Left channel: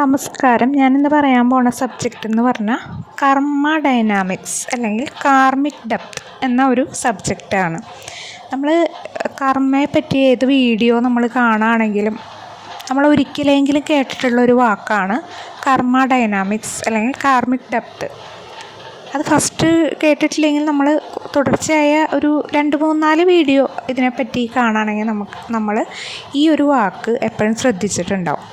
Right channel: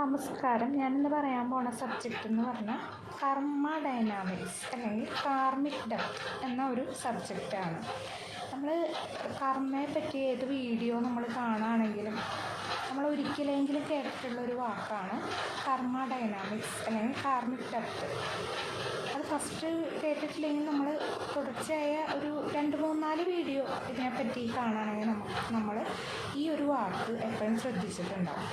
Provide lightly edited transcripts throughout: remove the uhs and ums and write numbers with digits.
നമസ്കാരം. ഞാനിന്ന് പറയാൻ പോണ സബ്ജക്റ്റ് എന്ന് പറഞ്ഞാൽ കർമ്മ ഡൈനാമിക്സ് അല്ലെങ്കിൽ കാർമിക് ഡെപ്ത് എന്ന ഒരു സബ്ജക്റ്റാണ്. നമ്മൾ കർമ്മയെ പറ്റി ഏത് വീഡിയോ നമ്മൾ കാണുകയാണെങ്കിലും നമ്മൾ ഒരിക്കലെങ്കിലും കേട്ടിട്ടുള്ളൊരു വാക്കാണ് കർമ്മ ഡൈനാമിക്സ് അല്ലെങ്കിൽ കാർമിക് ഡെപ്ത്. അത് ഫസ്റ്റ് കേട്ടിട്ടില്ലെങ്കിൽ നമ്മൾ തുടർച്ചയായ ഒരു 2-3-4 വീഡിയോ ഇതിനെപ്പറ്റി കാണുകയാണെങ്കിൽ നമ്മൾ ഈ ഒരു വാക്ക് എപ്പോഴും ശ്രദ്ധിച്ചിട്ടുണ്ടാവും.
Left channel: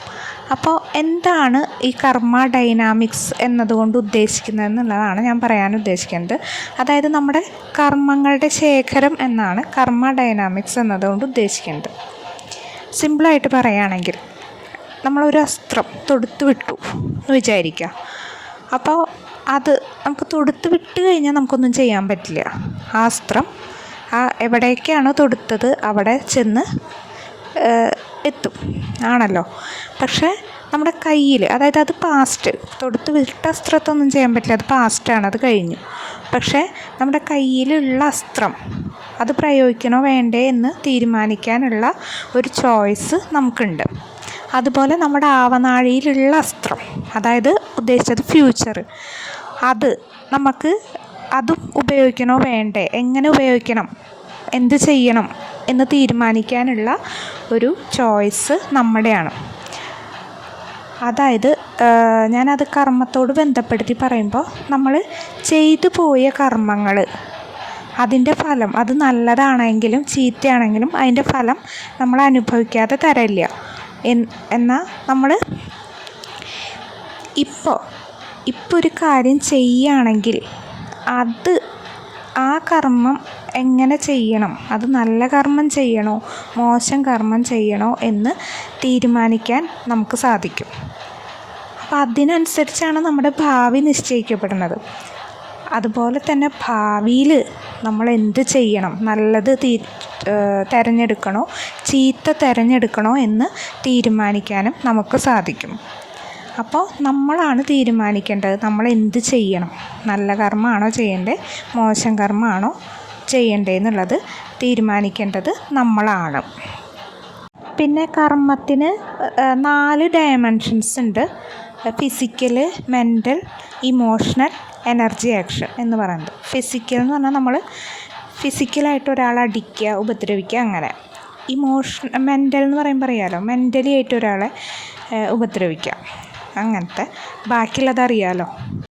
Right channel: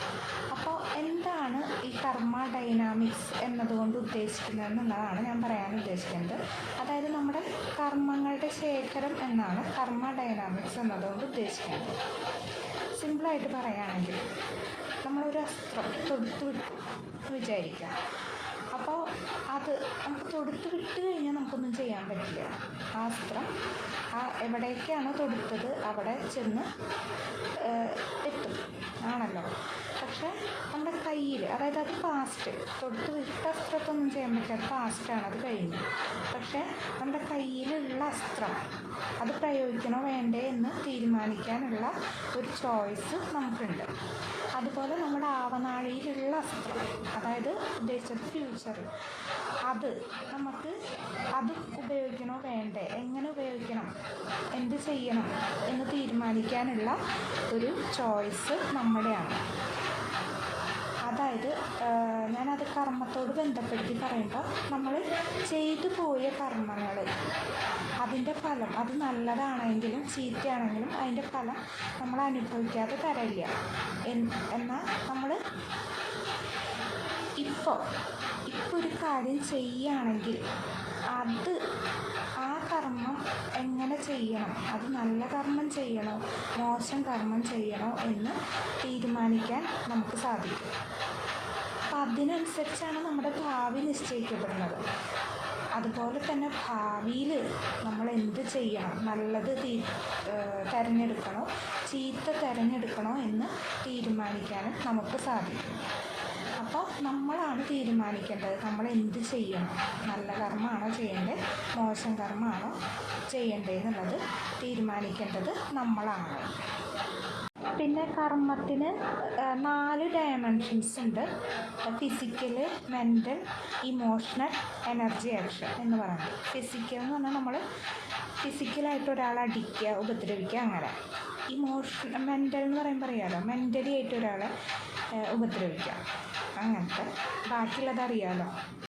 അപ്പോൾ എന്താണ് ഈ കർമ്മ ഡൈനാമിക്സ് എന്നതുകൊണ്ട് ഉദ്ദേശിക്കുന്നത് എന്നുള്ളതാണ് ഞാൻ പറയാൻ ഉദ്ദേശിക്കുന്നത്. അതായത് നമ്മുടെ കർമ്മങ്ങളുടെ ശേഖരം എന്നാണ് കർമ്മ ഡൈനാമിക്സ് എന്നതുകൊണ്ട് ഉദ്ദേശിക്കുന്നത്. സിമ്പിളായിട്ട് പറയുകയാണെങ്കിൽ നമ്മളൊരു അസ്ത്രം തൊടുത്ത് വിട്ടു എന്ന് വിചാരിക്കുക. അപ്പോൾ അത് നമുക്ക് തൊടുത്ത് വിട്ട് കഴിഞ്ഞാൽ നമുക്കൊന്നും ചെയ്യാൻ പറ്റില്ല. ആ അസ്ത്രം എവിടേക്കാണോ തൊടുത്തത് അവിടെ ചെന്ന് എത്തും ആണല്ലോ. പക്ഷേ നമ്മുടെ കയ്യിൽ, അതായത് അത് പാസ്റ്റ്, തൊടുത്ത് വിട്ട അസ്ത്രത്തൊന്നും ചെയ്യാൻ പറ്റില്ല, അത് പാസ്റ്റാണ്, അത് കഴിഞ്ഞു. പക്ഷേ നമ്മുടെ കയ്യിലുള്ള അസ്ത്രം അത് പ്രയോഗിക്കണോ വേണ്ടേ എന്ന് തീരുമാനിക്കാനുള്ള ഒരു ചോയ്സ് നമുക്കുണ്ട്. അതുപോലെ നമ്മുടെ ആവനാഴിയിലുള്ള അസ്ത്രം, അതായത് ഉദ്ദേശിച്ചത് ഫ്യൂച്ചർ, അത് നമുക്ക് അതും ഉപയോഗിക്കണോ വേണ്ടേ, എങ്ങനെ ഉപയോഗിക്കണം, എന്ത് ചെയ്യണം എന്ന് തീരുമാനിക്കാനുള്ള ഒരു ചോയ്സ് നമ്മുടെയാണ്. അതായത് ഞാനത് കർമ്മത്തോട് ബന്ധപ്പെടുത്തി പറയുമ്പോൾ നമ്മൾ ചെയ്തു പോയ കർമ്മങ്ങൾ, അതിൻ്റെ ഫലം അത് നല്ലതാണെങ്കിലും ചീത്തയാണെങ്കിലും അതിൻ്റെ ഫലം നമ്മൾ അനുഭവിക്കാതെ തരില്ല. എന്നാൽ നമ്മൾ ഇപ്പോൾ ഒരു കാര്യം ചെയ്യുകയാണെങ്കിൽ അത് ആ കർമ്മം എങ്ങനെ ചെയ്യണം, അത് നല്ല കർമ്മം ചെയ്യണോ മോശം കർമ്മം ചെയ്യണോ എന്ന് തീരുമാനിക്കാൻ നമുക്ക് സാധിക്കും. അപ്പം അതിനനുസരിച്ചാണ് നമ്മുടെ ഭാവി നിശ്ചയിക്കപ്പെടുന്നത്. അതുപോലെ തന്നെ ഭാവിയിൽ നമ്മൾ എന്ത് ചെയ്യണം, നല്ലത് തിരഞ്ഞെടുക്കണോ ചീത്ത തിരഞ്ഞെടുക്കണോ എന്ന് തീരുമാനിക്കാനും നമുക്ക് സാധിക്കും. അപ്പോൾ നമ്മളാണ് തീരുമാനിക്കേണ്ടത് നമ്മൾ എന്ത് ചെയ്യണം, നല്ല കർമ്മമാണോ ചെയ്യേണ്ടത് മോശം കർമ്മമാണോ ചെയ്യേണ്ടത് എന്നുള്ളത് തീരുമാനിക്കേണ്ടത് നമ്മളാണ്. പിന്നെ കർമ്മത്തിന് 4 ഡയമെൻഷൻസ് ഉണ്ട്. Physical, mental, emotional, energy, action എന്ന് പറയുന്നത്. ഫിസിക്കൽ എന്ന് പറഞ്ഞാൽ നമ്മൾ ഫിസിക്കലായിട്ട് ഒരാളെ അടിക്കുക, ഉപദ്രവിക്കുക, അങ്ങനെ. മെൻ്റൽ എന്ന് പറയുമ്പോൾ അറിയാമല്ലോ, മെൻ്റലി ആയിട്ട് ഒരാളെ ഉപദ്രവിക്കുക, അങ്ങനത്തെ. ബാക്കിയുള്ളത് അറിയാമല്ലോ.